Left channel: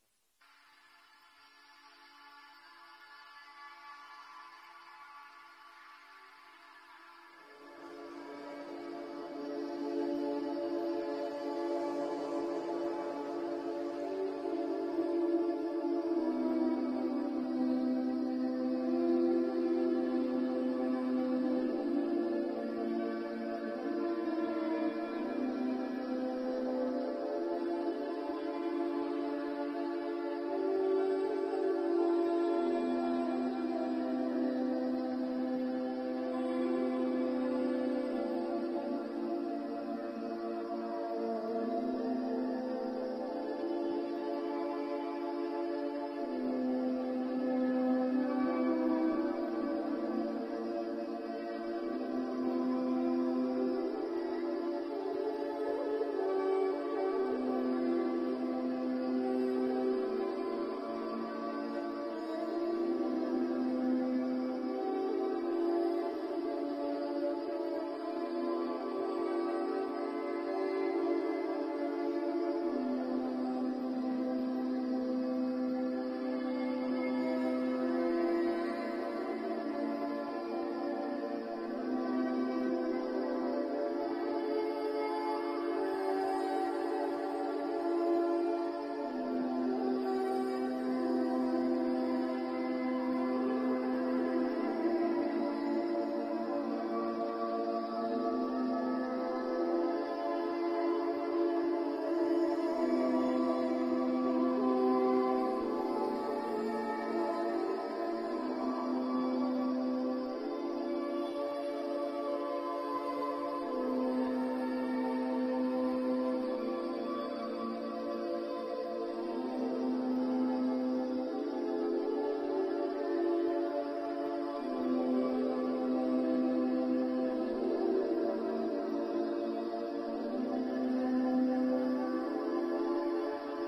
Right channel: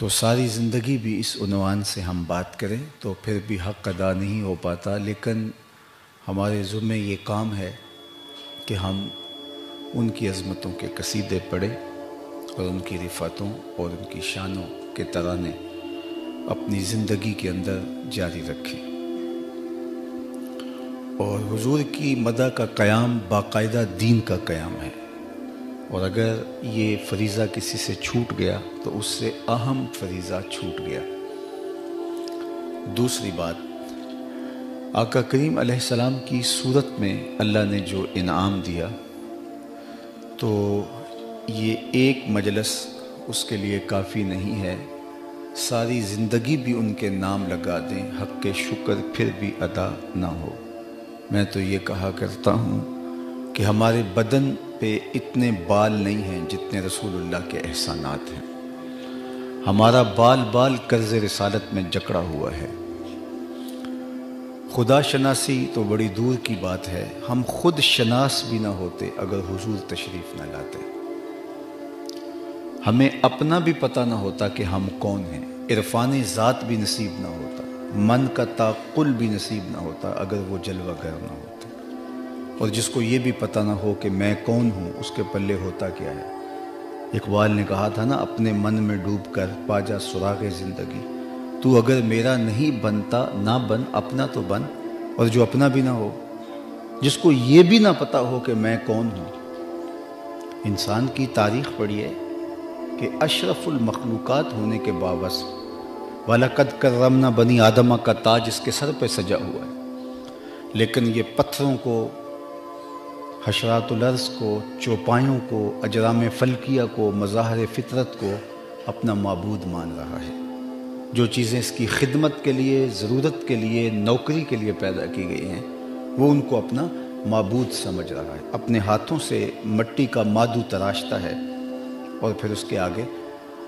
تو ساری زندگی بھی اس عنوان سے ہم بات کریں تو پھر بھی حق ادا نہیں ہو پاتا، لیکن ہمارے ذمے یہ کام ہے کہ ہم ان کی عظمتوں کے قصیدے پڑھیں اور ان کی رفعتوں اور ان کی شانوں کے ترانے اپنی زندگی کے اندر جاری رکھیں۔ اور حضور کی مدح کا قیام باقاعدہ دین کا قیام ہے، اور اگر یہ فریضہ کسی سے چھوٹ گیا تو اس سے اہم فریضہ چھوٹ گیا۔ دوسری بات، آقا کریم علیہ السلام کی صورت میں اللہ نے جو انعام دیا، تو یہ ایک مجلس اس کے لیے کافی نہیں ہے، ساری زندگی بھی ان کے نام لگا دیں، حق کے شکر پھر بھی ادا نہ ہو۔ میں تو یہ کہا کرتا ہوں کہ ہمارے بدن پہ اتنے بال نہیں ہیں جتنے رسول اللہ کے احسانات ہیں۔ ہمارا بال بال قرض رسالت میں جکڑا ہوا ہے۔ خدا شناسی تو بڑی دور کی بات ہے، ہم خود شناس بھی نہ ہوتے اگر حضور تشریف نہ لاتے۔ ہمیں اپنا بھی پتہ نہ ہوتا کہ ہم کون ہیں، عرفان ذات بھی نصیب نہ ہوتا، من کا تعقل بھی نصیب نہ ہوتا اگر وہ جلوہ گر نہ ہوتا، اور جس کو یہ بھی پتہ نہ ہو کہ میں کون ہوں، اس کے پلے ہوتا کیا ہے۔ اقبال نے کہا تھا نا، اپنے من میں ڈوب کر پا جا سراغ زندگی، تو اگر میرا نہیں بنتا نہ بن، اپنا تو بن، اور جو اپنا بھی نہ ہو، جس کو یہ بھی نہ پتہ ہو کہ میں کون ہوں۔ انسان کی تاریخ پڑھیے کہ اشرف المخلوقات ہونے کے باوجود وَلَقَدْ كَرَّمْنَا بنی آدمہ کا تاج اس کے سر پہ سجا ہوا ہے، لیکن یہ پتھروں کو، حشرات الارض کو، چوپایوں کو، اجرام فلکیہ کو، مظاہر فطرت کو اپنا معبود مان رہا ہے۔ جو چیزیں اس کی خدمت کے لیے، ضرورت کے لیے، نوکری کے لیے پیدا کی گئی ہیں، وہ ان کو اپنا معبود سمجھ رہا ہے۔ اپنے ہاتھوں سے مٹی کا مادو تراشتا ہے اور پھر اس کے آگے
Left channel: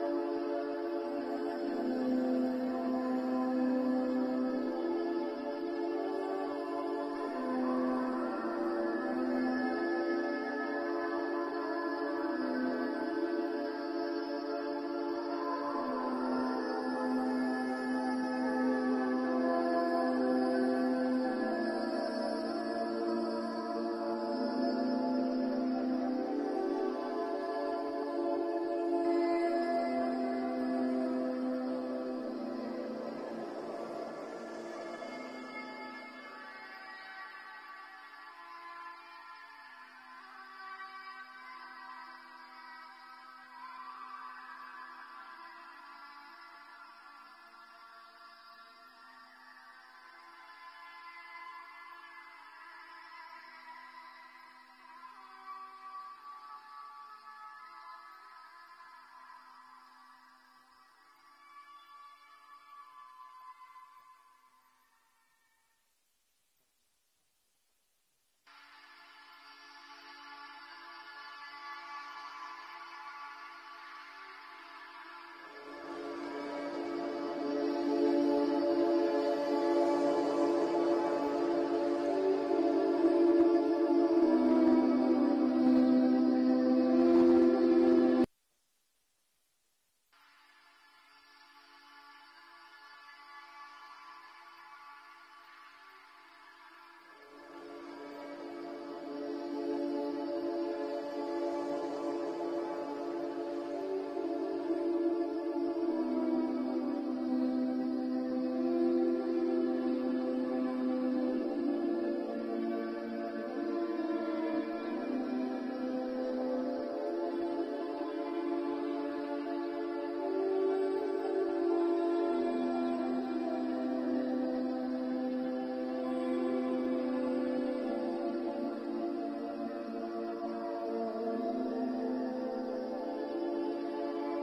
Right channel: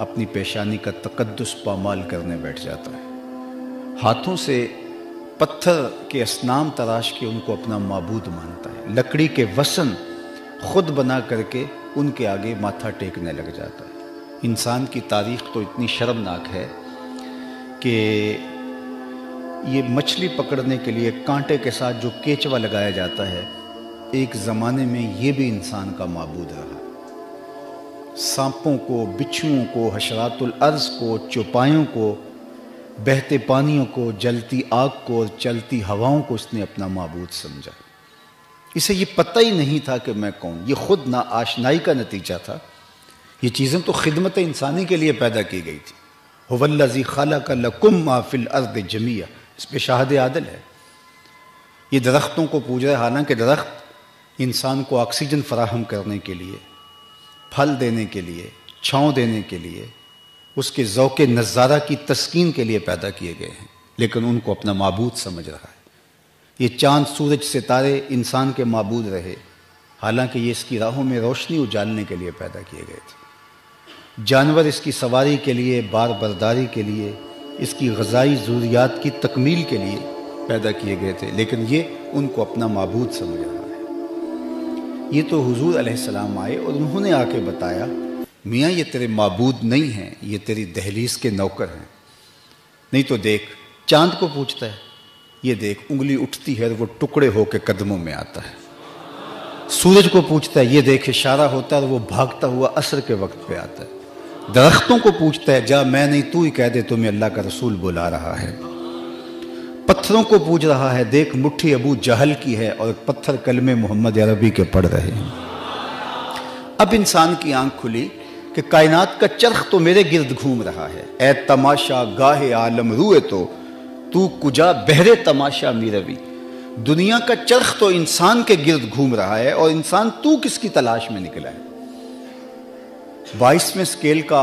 اپنی پیشانی کا تقدس پامال کرنے بیٹھ جاتا ہے۔ ہاتھوں سے پتھر کے اصنام تراش کے ان کو اپنا معبود مانتا ہے۔ لکڑی کے وثن خود بنا کر کے ان کے آگے ماتھا ٹیکنے لگ جاتا ہے۔ انسان کی تاریخ تو اتنی شرمناک ہے کہ یہ مچھلی پکڑنے کے لیے کانٹے کے ساتھ جو کیچوا لگایا جاتا ہے، ایک زمانے میں یہ بھی انسان کا معبود رہا۔ سانپوں کو، بچھوؤں کو، حشرات الارض کو، چوپایوں کو، بہتے پانیوں کو، جلتی آگ کو اور چلتی ہواؤں کو اس نے اپنا معبود سمجھا۔ اسے یہ پتہ ہی نہیں تھا کہ میں کون، یہ خود نا آشنائی کا نتیجہ تھا۔ یہ چیزیں تو خدمت انسانی کے لیے پیدا کی گئی تھی۔ هو الذی خلق لکم ما فی الارض جمیعا، اس پہ شاہد عادل ہے۔ یہ درختوں کو پوج رہا ہے، حالانکہ درخت انسان کو آکسیجن فراہم کرنے کے لیے، پھل دینے کے لیے، چھاؤں دینے کے لیے، اس کے ذوق نظارہ کی تسکین کے لیے پیدا کیے گئے ہیں، لیکن ان کو اپنا معبود سمجھ رہا ہے۔ یہ چاند، سورج، ستارے انسان کے معبود رہے، حالانکہ یہ اس کی راہوں میں روشنی اجالنے کے لیے پیدا کیے گئے تھے۔ جانور اس کی سواری کے لیے، بار برداری کے لیے، اس کی غذائی ضروریات کی تکمیل کے لیے پیدا کیے گئے تھے، لیکن یہ ان کو اپنا معبود سمجھ رہا ہے۔ یہ تو حضور علیہ السلام آئے اور انہوں نے آ کے بتایا، میاں یہ تیرے معبود نہیں ہیں، یہ تیری دہلیز کے نوکر ہیں۔ نہیں تو دیکھ، چاند کو پوچھتا ہے، یہ دیکھ انگلی اٹھتی ہے اور وہ ٹکڑے ہو کے قدموں میں آتا ہے۔ سورج کو پوچھتا ہے، یہ دیکھ اشارہ ہوتا ہے اور وہ بھاگتا ہوا عصر کے وقت پہ آتا ہے۔ درختوں کو پوچھتا ہے، جا میں نہیں تو ہی کہہ دے تمہیں اللہ کا رسول بلا رہا ہے۔ پتھروں کو پوچھ رہا ہے، دیکھ مٹھی ابو جہل کی ہے اور پتھر کلمے محمد عربی کے پڑھ رہے ہیں۔ اب انسان کی آنکھ کھلی کہ کائنات کا چرخ تو میرے گرد گھوم رہا ہے۔ اے تماشا گاہ عالم روئے تو کجا بہرے تماشا میروی۔ دنیا کا چرخ تو انسان کے گرد گھوم رہا ہے اور انسان تو کس کی تلاش میں نکلا ہے۔ 22ویں اسکیل کا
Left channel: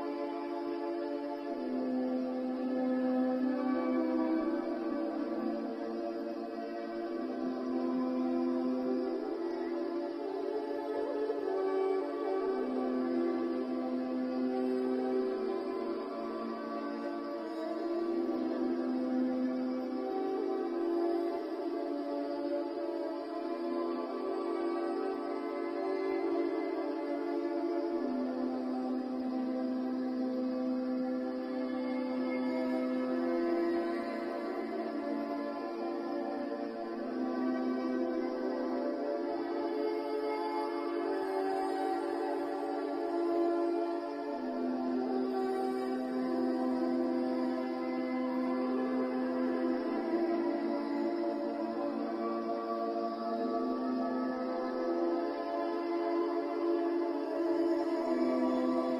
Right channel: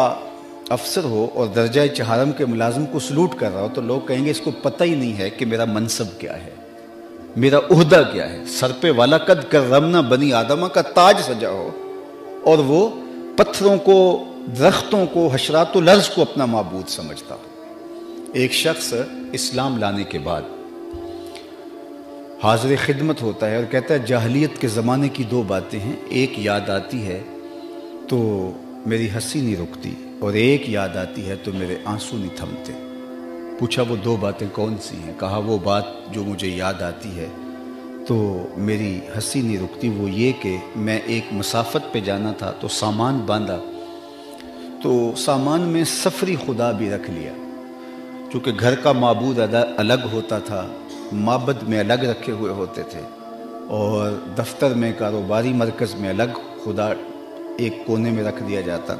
افسر ہو اور درجہ چہارم کے ملازم کو سلوٹ کر رہا ہو تو لوگ کہیں گے اس کو پتہ ہی نہیں ہے کہ میرا منصب کیا ہے، میرا عہدہ کیا ہے۔ سر پہ وَلَقَدْ كَرَّمْنَا بنی آدمہ کا تاج سجا ہو اور وہ پتھروں کو، درختوں کو، حشرات الارض کو اپنا معبود سمجھتا ہو۔ ایک شخص اسلام لانے کے بعد حاضر خدمت ہوتا ہے اور کہتا ہے جاہلیت کے زمانے کی دو باتیں ہیں، ایک یاد آتی ہے تو میری ہنسی نہیں رکتی، اور ایک یاد آتی ہے تو میرے آنسو نہیں تھمتے۔ پوچھا وہ 2 باتیں کون سی ہیں؟ کہا وہ بات جو مجھے یاد آتی ہے تو میری ہنسی نہیں رکتی، وہ یہ کہ میں ایک مسافت پہ جانا تھا تو سامان باندھا، تو سامان میں سفری خدا بھی رکھ لیا، چونکہ گھر کا معبود الگ ہوتا تھا، معبد میں الگ رکھے ہوئے ہوتے تھے، اور دفتر میں کاروباری مرکز میں الگ خدا ایک کونے میں رکھ دیا جاتا۔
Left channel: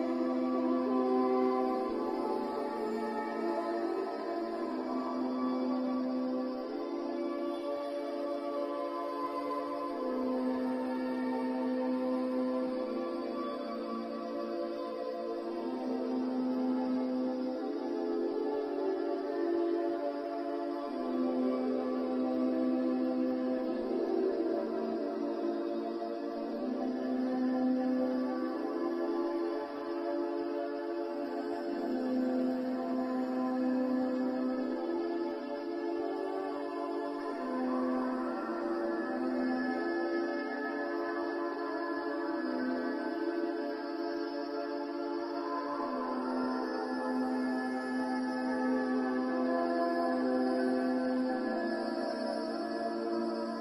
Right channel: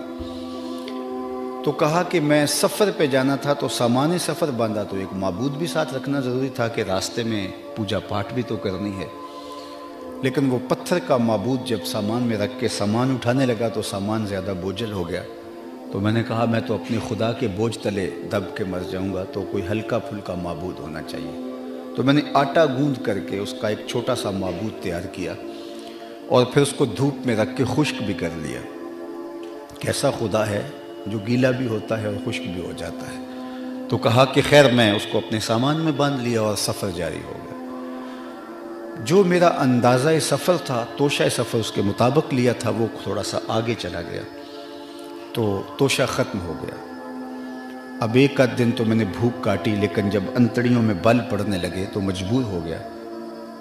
تو کہا کہ میں سفر پہ جانا تھا تو سامان سفر باندھا، تو ایک معبود بھی ساتھ رکھنا ضروری تھا کہ راستے میں پوجا پاٹ بھی تو کرنی ہے۔ لیکن وہ پتھر کا معبود جب سامان میں رکھ کے سامان اٹھانے لگا تو سامان زیادہ بوجھل ہو گیا، تو میں نے کہا میں تو اپنے خدا کے بوجھ تلے دب کے مر جاؤں گا، تو کوئی ہلکا پھلکا معبود ہونا چاہیے۔ تو میں نے آٹا گوندھ کر کے اس کا ایک چھوٹا سا معبود تیار کیا اور پھر اس کو دھوپ میں رکھ کے خشک بھی کر لیا۔ کیسا خدا ہے جو گیلا بھی ہوتا ہے اور خشک بھی ہو جاتا ہے۔ تو کہا کہ خیر میں اس کو اپنے سامان میں باندھ لیا اور سفر جاری ہو گیا۔ جو میرا اندازہ سفر تھا، توشہ سفر اس کے مطابق لیا تھا، وہ تھوڑا سا آگے چلا گیا تو توشہ ختم ہو گیا۔ اب ایک آدھ دن تو میں نے بھوک کاٹی، لیکن جب انتڑیوں میں بل پڑنے لگے تو مجبور ہو گیا،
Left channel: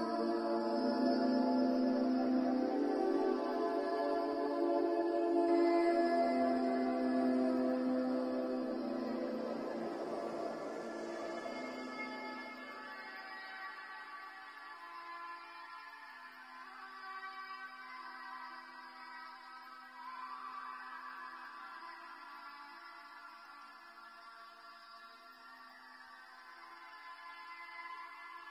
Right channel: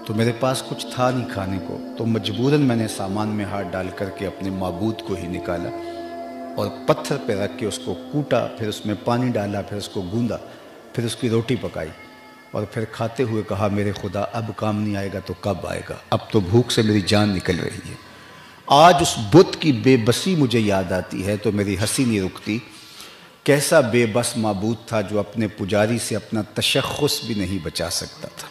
تو میرے پاس کچھ تھا نہیں کھانے کو، تو مجبوراً میں نے سامان میں ہاتھ ڈال کر کے اپنے معبود کو ہی نکالا اور پتھر پہ رکھ کے اس کو کوٹا، پھر اس میں پانی ڈالا، پھر اس کو گوندا، پھر اس کی روٹی پکائی، اور پھر کھاتے ہوئے کہا میرے خدا اب کام نہیں آئے گا تو کب آئے گا، اب تو بھوک سے میری جان نکل رہی ہے۔ آج اس بت کی بے بسی مجھے یاد آتی ہے تو میری ہنسی نہیں رکتی۔ کیسا بے بس معبود تھا جو اپنے پجاری سے اپنا تشخص بھی نہیں بچا سکتا تھا،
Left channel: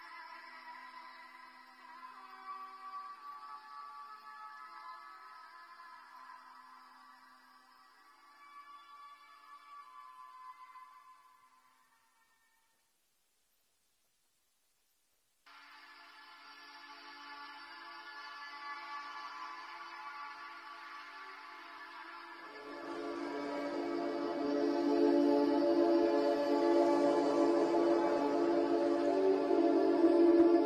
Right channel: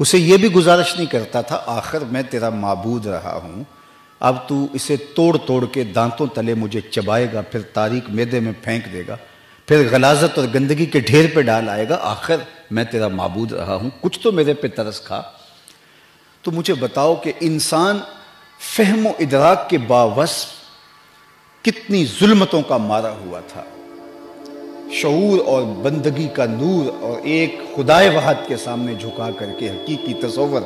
اسے یہ بھی گزارش نہیں کرتا تھا آخر میں تیرا معبود رہا ہوں، اب تو اسے توڑ توڑ کے دانتوں تلے مجھے چبائے گا، پھر تاریک معدے میں پھینک دے گا، پھر غلاظت اور گندگی کے ڈھیر پہ ڈال آئے گا، آخر میں تیرا معبود رہا ہوں، کچھ تو میرے پہ ترس کھا۔ تو مجھے بتاؤ کہ انسان فہم و ادراک کے باوصف کتنی ظلمتوں کا مارا ہوا تھا، شعور اور بندگی کا نور اور ایک خدائے وحد کے سامنے جھکا کر کے حقیقی تصور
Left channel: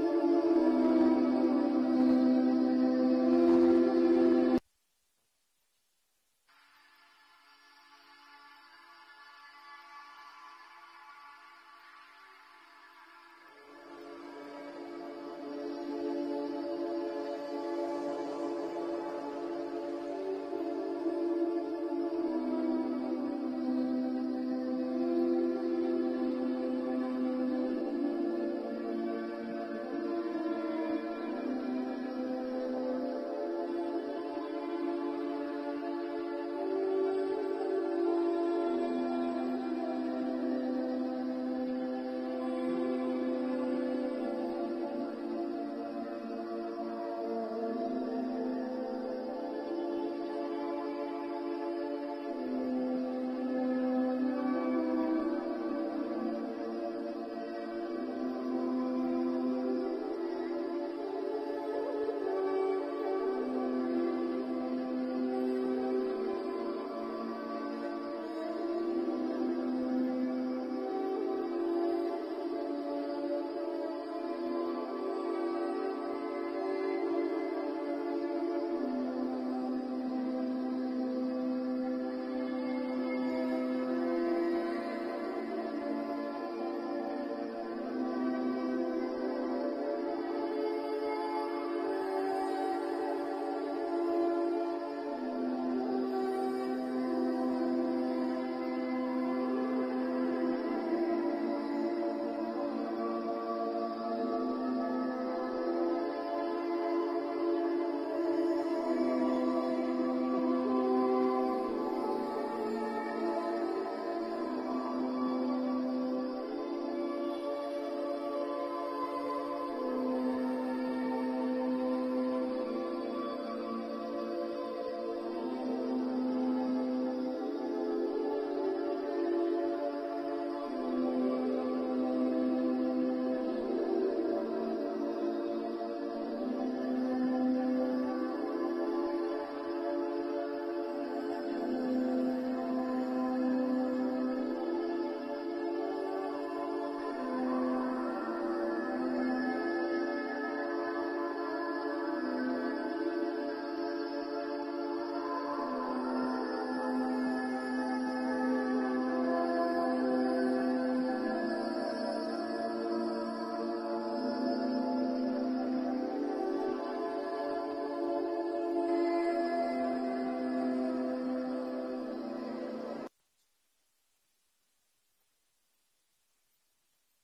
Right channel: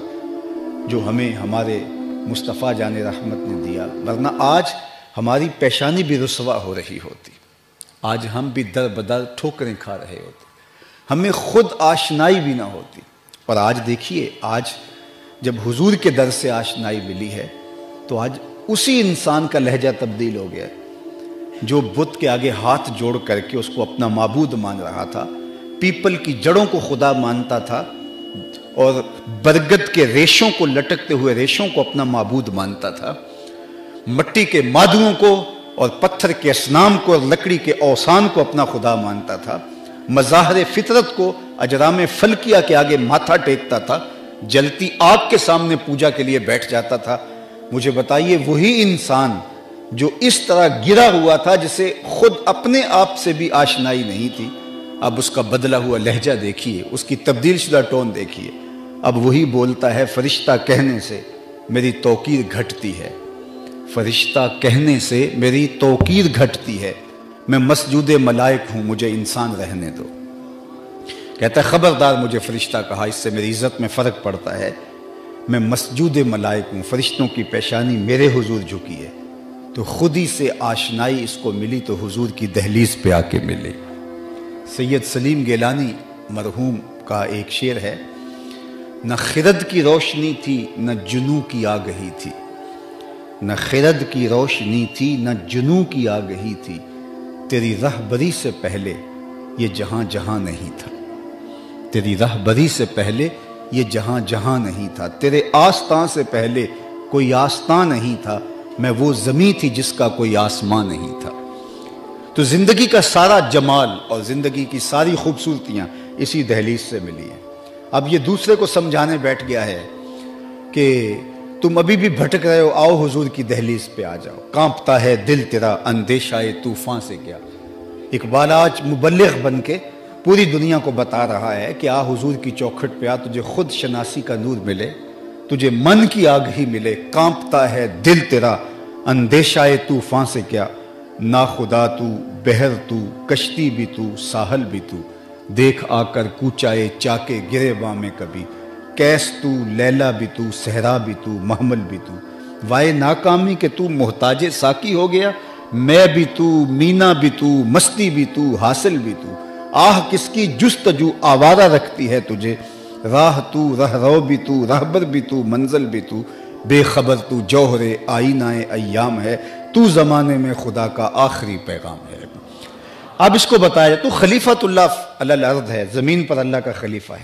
جو ہمیں ہمارے مصطفیٰ جان رحمت نے دیا، ورنہ آج ہماری پیشانی بھی رسوا ہو رہی ہوتی، آج ہم بھی در بدر ٹھوکریں کھا رہے ہوتے، ہمیں خود آشنائی بھی نہ ہوتی۔ اور آج دیکھیے، آج جب حضور کے در سے آشنائی ملی ہے تو آج اسی انسان کا لہجہ تبدیل ہو گیا جو بت کے آگے ہاتھ جوڑ کر کے اس کو اپنا معبود مان رہا تھا، پیپل کی جڑوں کو خدا مانتا تھا اور برگد کے ریشوں کو لٹکتے ہوئے ریشوں کو اپنا معبود مانتا تھا، مٹی کے مادوں کو اور پتھر کے اصنام کو اور لکڑی کے اوثان کو اپنا خدا مانتا تھا، مظاہر فطرت کو اجرام فلکیہ کے آگے ماتھا ٹیکتا تھا، جلتی آگ کے سامنے پوجا کے لیے بیٹھ جاتا تھا۔ مجھے بتائیے وہی انسان جو اس طرح گرا ہوا تھا، جسے خود اپنے آپ سے بھی آشنائی نہیں تھی، اب اس کا بدلا ہوا لہجہ دیکھیے، اس کی تبدیل شدہ ٹون دیکھیے، اب وہی بولتا ہے فرشتہ کہنے سے میری توقیر گھٹتی ہے، فرشتہ کہنے سے میری توقیر گھٹتی ہے، میں مسجود ملائک ہوں، مجھے انسان رہنے دو۔ کہتا ہے خبردار مجھے فرشتہ کہا، اس سے میری عزت میں فرق پڑتا ہے، میں مسجود ملائک ہوں، فرشتوں کی پیشانی میرے حضور جھکی ہے، تو خود ہی سے آشنائی اس کو ملی تو حضور کی دہلیز پہ آ کے ملے۔ سید سلیم گیلانی مرحوم کا ایک شعر ہے، نہ خرد کی روشنی تھی نہ جنوں کی آگہی تھی، نہ خرد کی روشنی تھی نہ جنوں کی آگہی تھی، تیری رہبری سے پہلے یہ جہاں جہاں نہیں تھا، تیری رہبری سے پہلے یہ جہاں جہاں نہیں تھا، تیرے آستاں سے پہلے کوئی آستاں نہیں تھا، میں وہ زمین تھی جس کا کوئی آسمان نہیں تھا۔ تو زندگی کا سارا جمال اور زندگی کی ساری خوبصورتیاں اسی دہلیز سے ملی ہیں۔ اب یہ دوسرے کو سمجھانے بیٹھ گیا ہے کہ تم ابھی بھی بھٹک رہے ہو، آؤ حضور کی دہلیز پہ آ جاؤ، کانپتا ہے دل تیرا اندیشہ طوفان سے کیا۔ اقبال آج مبلغ بن کے پوری دنیا کو بتا رہا ہے کہ آ حضور کی چوکھٹ پہ آ، تجھے خود شناسی کا نور ملے، تجھے من کی آگہی ملے، کانپتا ہے دل تیرا اندیشہ طوفان سے کیا، نا خدا تو بحر تو کشتی بھی تو ساحل بھی تو، دیکھ آ کر کوچائے چاکے گریباں میں کبھی، کیس تو لیلا بھی تو صحرا بھی تو محمل بھی تو، وائے ناکامی کہ تو محتاج ساقی ہو گیا، میں بھی تو، مینا بھی تو، مستی بھی تو، حاصل بھی تو، آہ کس کی جستجو آوارہ رکھتی ہے تجھے، راہ تو، رہرو بھی تو، رہبر بھی تو، منزل بھی تو، بے خبر تو جوہر آئینہ ایام ہے، تو زمانے میں خدا کا آخری پیغام ہے۔ اب اس کو بتایا تو خلیفۃ اللہ علی الارض ہے، زمین پر اللہ کا خلیفہ ہے۔